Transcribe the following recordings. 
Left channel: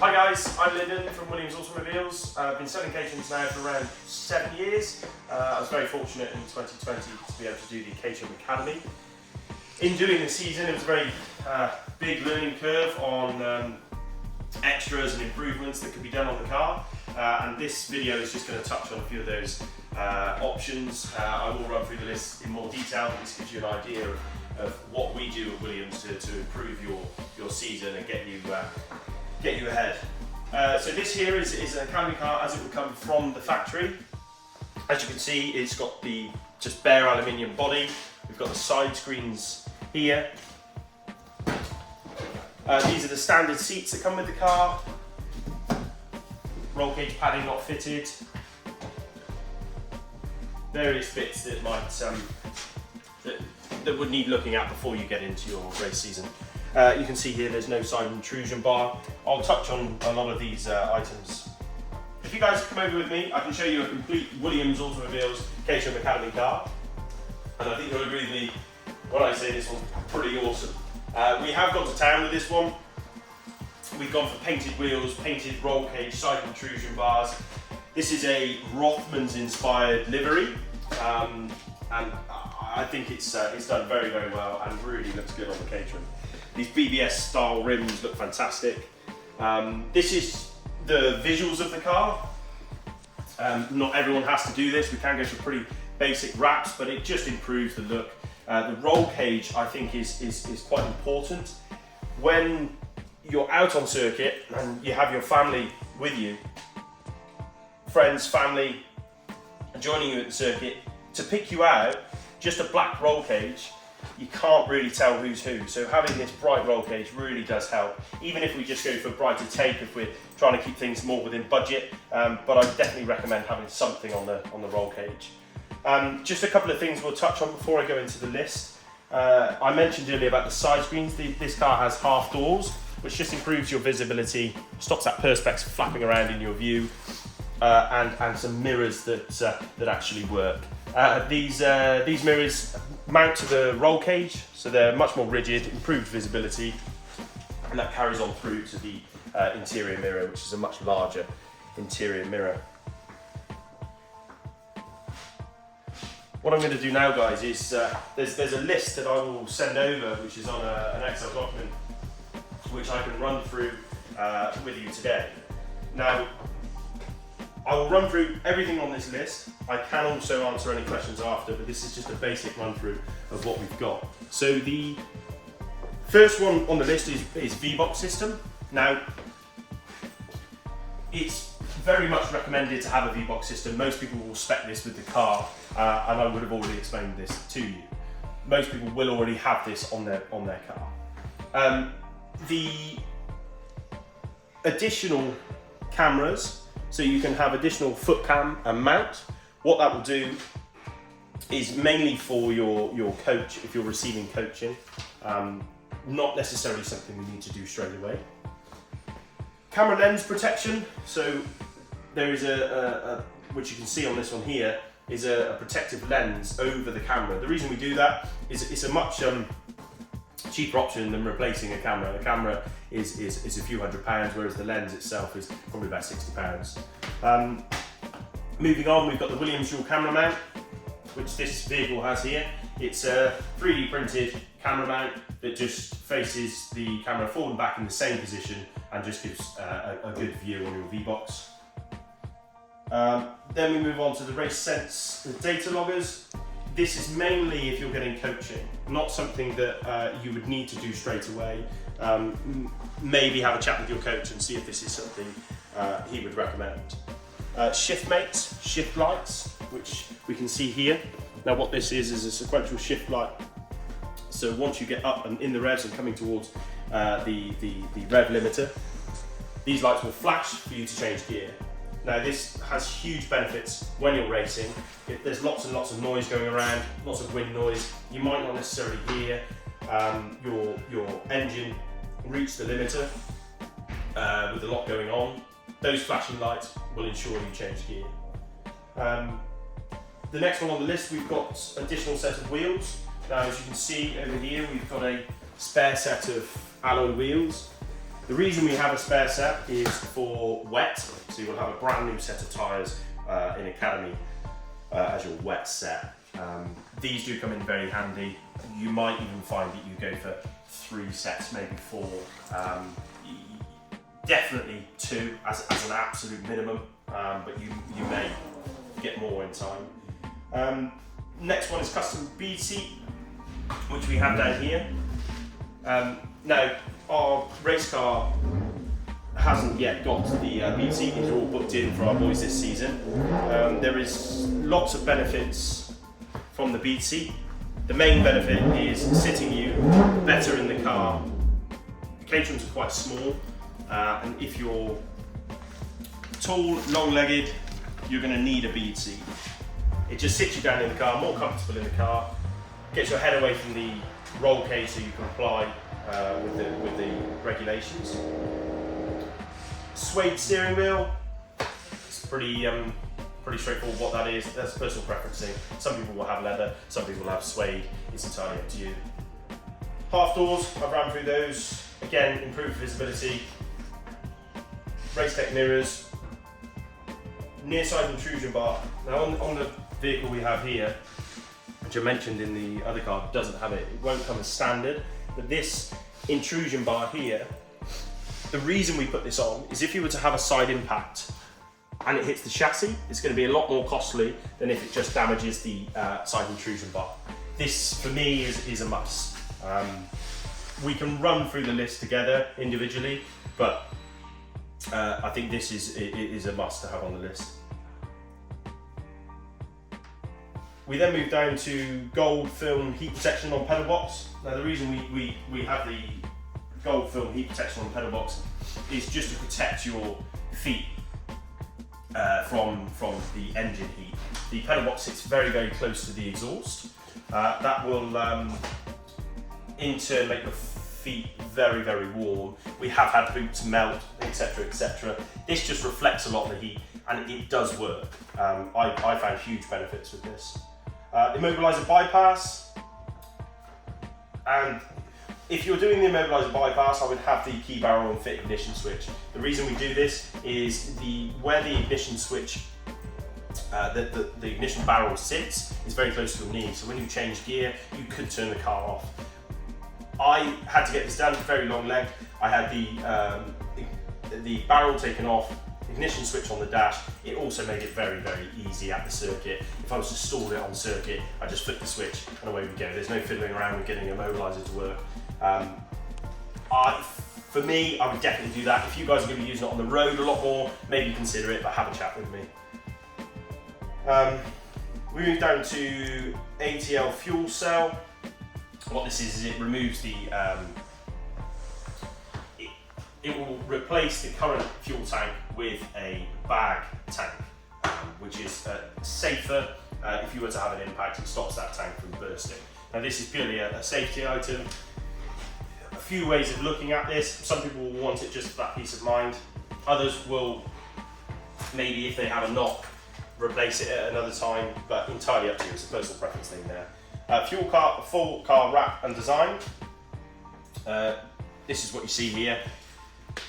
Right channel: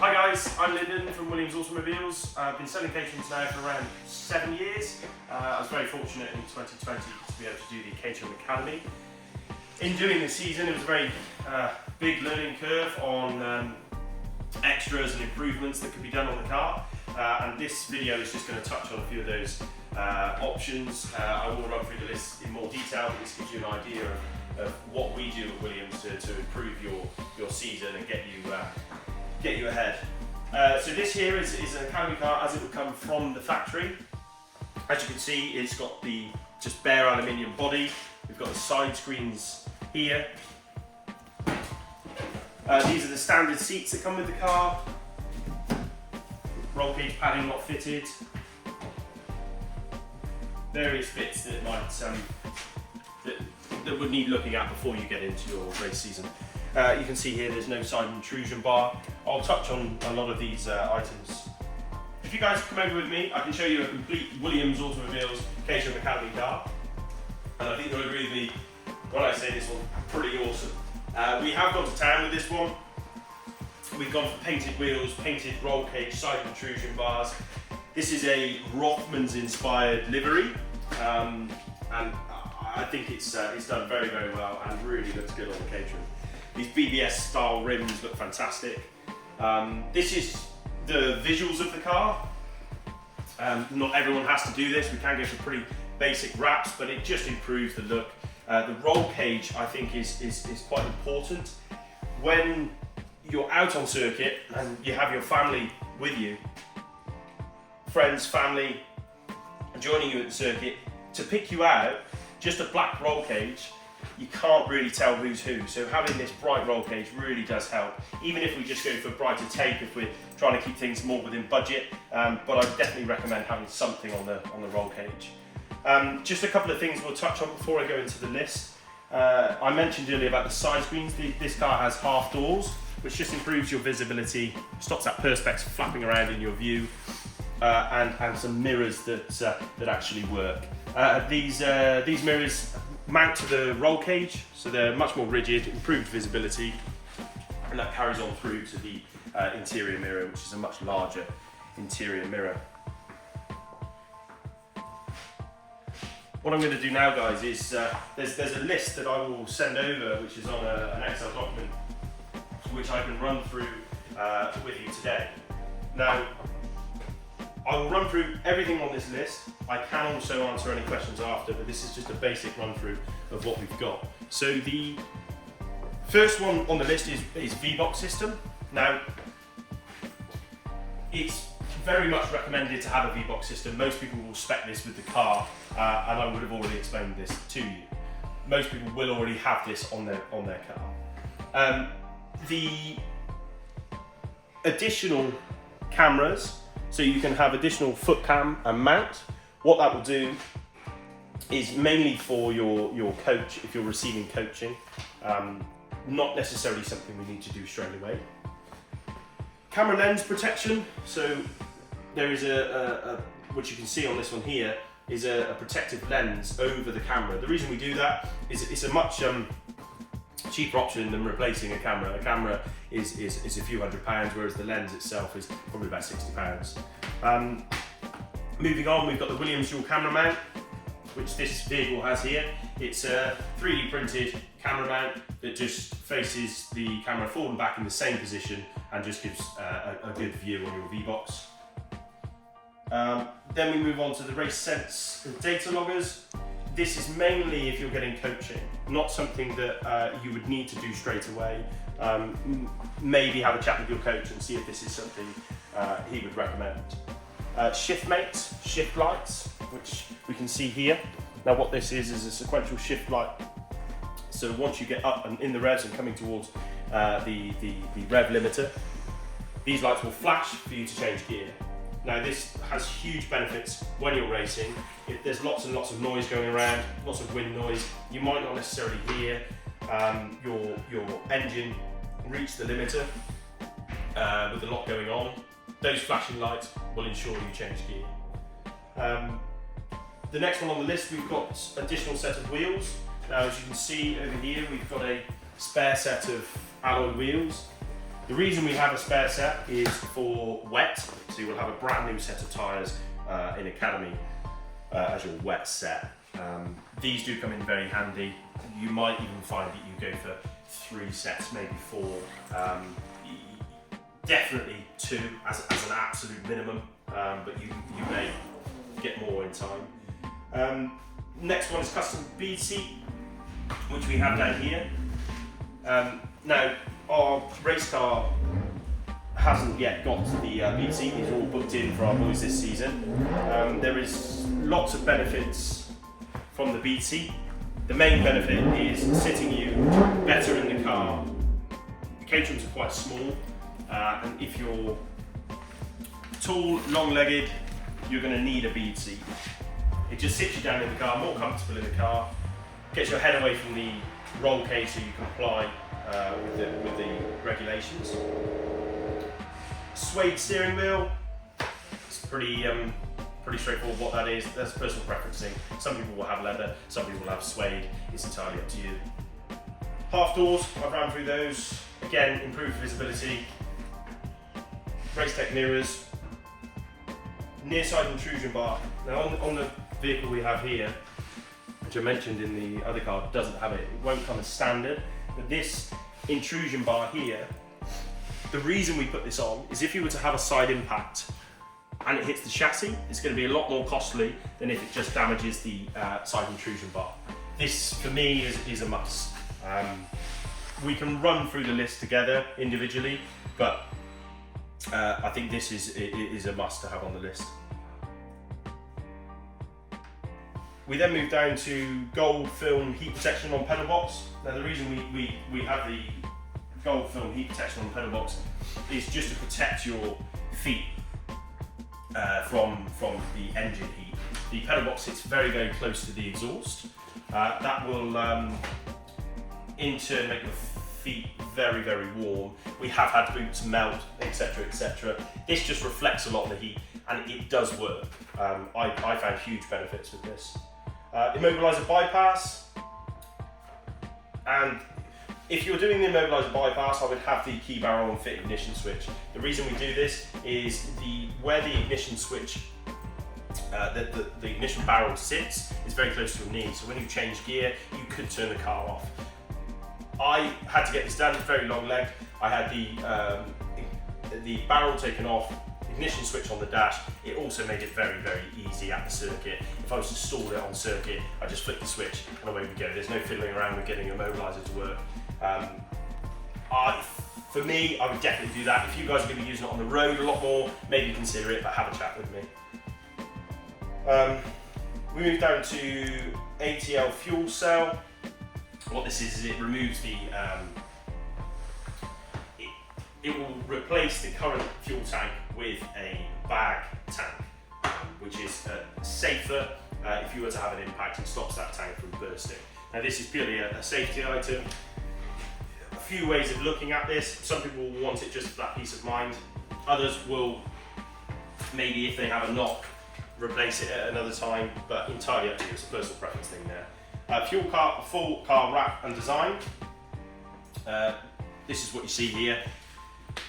Hi guys, I'm Lyndon from Williams Automobiles. I've been selling Caterhams now for around 7 years. I was very fortunate in 2020 to be able to do the Caterham Academy. In doing the season, it was a very big learning curve on extras and improvements that could be done on the car. And this video is just going to touch on a few of those options. I will run through the list in more detail, but this gives you an idea of what we do at Williams to improve your season and get you ahead. So this here is an Academy car as it would come from the factory. As you can see, it's got the just bare aluminium body. We've got the side screens here. These are the standard seats that come with the car. Roll cage padding not fitted. Various bits that might that would need looking at before you get into your race season. You can see here there's no side intrusion bar. I'll touch on a lot of these items. If you guys come over with me, I can show you a complete Williams Automobiles Caterham Academy car. And I think you'll agree with me when I say this one's pretty awesome. We have gone to town with this one. We've gone for painted wheels, painted roll cage, side intrusion bars. This is a Rothmans inspired livery. And I think it's done very, very well and really looks good on the Caterham. These BBS style rims look fantastic. This is the visuals of the car. Not everyone has to do this. We can go for pretty basic wraps, but it just improves the look. The roll cage, I think, is quite important. When you're out on circuit and you have your family with you, friends, family, joining you at the circuit, to pick you out, just a black roll cage, you can't really tell who's who. So having this bright roll cage really does help. Even if we just go for brighter tape, if we're trying to keep things more within budget, but I definitely recommend having something on the roll cage. Just a couple of things we'll touch on before I go into the list. I mentioned earlier about the side screens. This car has half doors, which just improves your visibility, stops that perspex flapping around in your view, and some mirrors that actually work. These mirrors mount to the roll cage, so they're much more rigid, improved visibility, and that carries on through to the interior mirror, which is a much larger interior mirror. What I'm going to do now, guys, is there's a list that I will send over, which is on an Excel document, which I can run through with you today. Now, I will run through everything on this list. I can also answer any questions after, but this is just a basic run through of what we've got. So the first one on the list is V-Box system. Now, it's very much recommended to have a V-Box system. Most people will spec this with the car, and I would have already explained this to you. Most people will already have this on their car. The additional cameras, so you can have additional foot cam and mount. What that will do is mainly for your coach, if you're receiving coaching, not necessarily something we need to do straight away. Camera lens protection, so there is which you can see on this one here, is a protective lens over the camera. The reason we do that is it's a much cheaper option than replacing a camera. A camera is a few £100, whereas the lens itself is probably about £60. Moving on, we've got the Williams dual camera mount, which this vehicle has here. It's a 3D printed camera mount that just faces the camera forward and back in the same position and just gives a good view on your V-Box. Then we move on to the Race Sense data loggers. This is mainly if you're getting coaching, not something that you would need to do straight away. Maybe have a chat with your coach and see if this is something he would recommend. Shift mates, shift lights, which we can see here. Now what this is a sequential shift light. So once you get up and in the revs and coming towards the rev limiter, these lights will flash for you to change gear. Now this has huge benefits when you're racing. If there's lots and lots of noise going around, lots of wind noise, you might not necessarily hear your engine reach the limiter with a lot going on. Those flashing lights will ensure you change gear. The next one on the list, we've got additional set of wheels. Now as you can see over here, we've got a spare set of alloy wheels. The reason we have a spare set is for wet, so you'll have a brand new set of tyres in Academy as your wet set. These do come in very handy. You might even find that you go for 3 sets, maybe 4. Definitely 2 as an absolute minimum, but you may get more in time. Next one is custom bead seat, which we have down here. Now, our race car hasn't yet got the bead seat. It's all booked in for our boys this season. There is lots of benefits from the bead seat. The main benefit is sitting you better in the car. The Caterhams are quite small, and if you're tall, long-legged, you're going to need a bead seat. It just sits you down in the car, more comfortable in the car, gets your head away from the roll cage so you comply with the regulations. Suede steering wheel, it's pretty straightforward what that is. That's personal preferencing. Some people will have leather, some people will have suede. It's entirely up to you. Half doors, I've ran through those. Again, improved visibility. Race tech mirrors. Near side intrusion bar. Now on the vehicle we have here, which I mentioned in the other car, doesn't have it. It won't come as standard, but this intrusion bar here, the reason we put this on is if you were to have a side impact and it hits the chassis, it's going to be a lot more costly than if it just damages the side intrusion bar. This, for me, is a must. We can run through the list together individually, but I think this is a must to have on the list. We then move down to gold film heat protection on pedal box. Now the reason we have the gold film heat protection on pedal box is just to protect your feet from the engine heat. The pedal box sits very, very close to the exhaust. That will in turn make your feet very, very warm. We have had boots melt, etc, etc. This just reflects a lot of the heat, and it does work. I found huge benefits with this. Immobiliser bypass, and if you're doing the immobiliser bypass, I would have the key barrel and fit ignition switch. The reason we do this is where the ignition switch, the ignition barrel sits, is very close to your knee. So when you change gear, you could turn the car off. I had to get this done, very long leg. I had the barrel taken off, ignition switch on the dash. It also made it very, very easy at the circuit. If I was to stall it on circuit, I just flick the switch and away we go. There's no fiddling around with getting a immobiliser to work. For me, I would definitely do that. If you guys are going to be using it on the road a lot more, maybe consider it, but have a chat with me. We move down to ATL fuel cell. What this is it removes the, it will replace the current fuel tank with a bag tank, which is safer. If you were to have an impact, it stops that tank from bursting. Now this is purely a safety item. A few ways of looking at this. Some people will want it just for that peace of mind. Others will, maybe if they have a knock, replace it at another time, but entirely up to you. It's a personal preference thing there. Full car wrap and design. This is what you see here.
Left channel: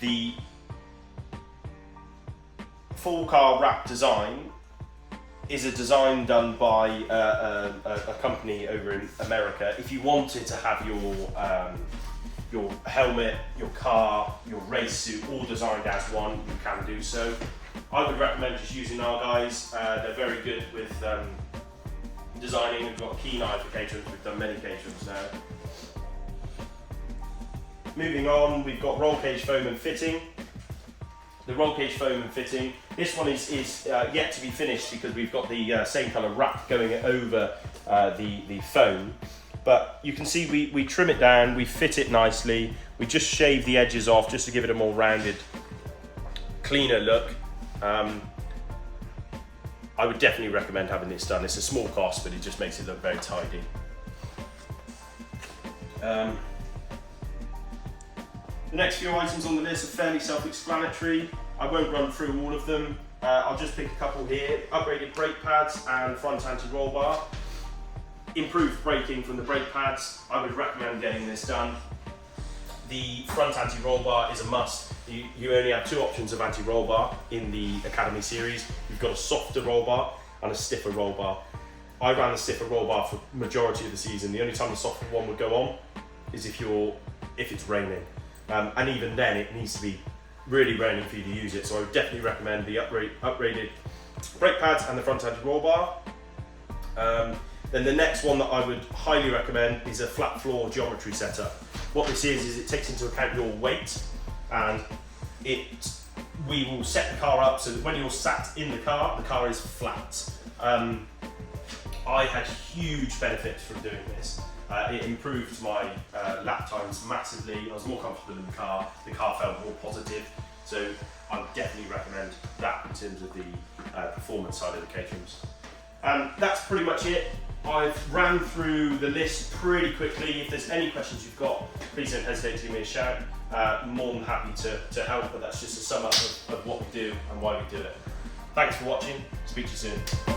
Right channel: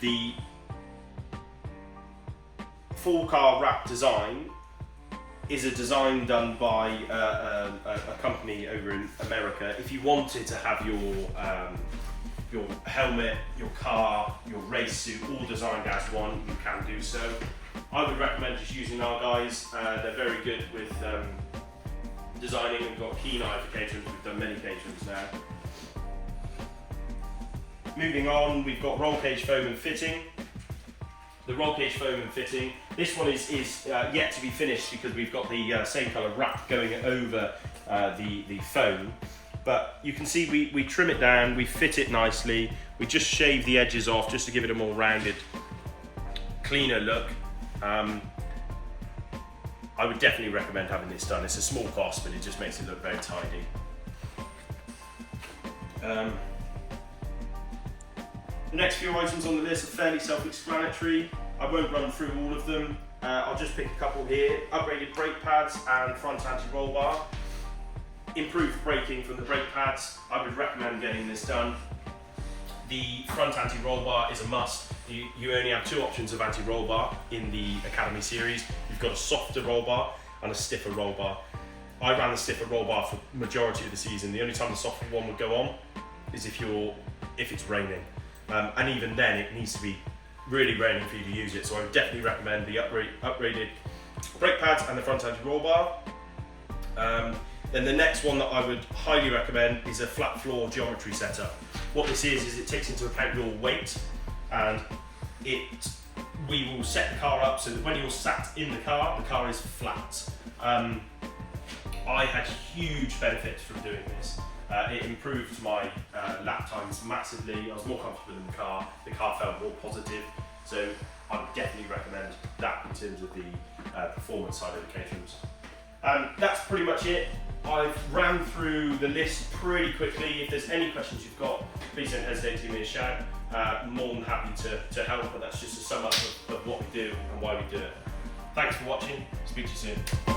The full car wrap design is a design done by a company over in America. If you wanted to have your helmet, your car, your race suit all designed as one, you can do so. I would recommend just using our guys. They're very good with designing. We've got a keen eye for Caterhams. We've done many Caterhams now. Moving on, we've got roll cage foam and fitting. The roll cage foam and fitting. This one is yet to be finished because we've got the same colour wrap going over the foam. But you can see we trim it down, we fit it nicely. We just shave the edges off just to give it a more rounded, cleaner look. I would definitely recommend having this done. It's a small cost, but it just makes it look very tidy. The next few items on the list are fairly self-explanatory. I won't run through all of them. I'll just pick a couple here. Upgraded brake pads and front anti-roll bar. Improved braking from the brake pads. I would recommend getting this done. the front anti-roll bar is a must. You only have 2 options of anti-roll bar in the Academy series. You've got a softer roll bar and a stiffer roll bar. I ran the stiffer roll bar for the majority of the season. The only time the softer one would go on is if it's raining. And even then it needs to be really raining for you to use it. So I would definitely recommend the upgraded brake pads and the front anti-roll bar. Then the next one that I would highly recommend is a flat floor geometry setup. What this is it takes into account your weight, and we will set the car up so that when you're sat in the car is flat. I had huge benefits from doing this. It improved my lap times massively. I was more comfortable in the car felt more positive. So I would definitely recommend that in terms of the performance side of the Caterhams. That's pretty much it. I've ran through the list pretty quickly. If there's any questions you've got, please don't hesitate to give me a shout. More than happy to help, but that's just a sum up of what we do and why we do it. Thanks for watching. Speak to you soon.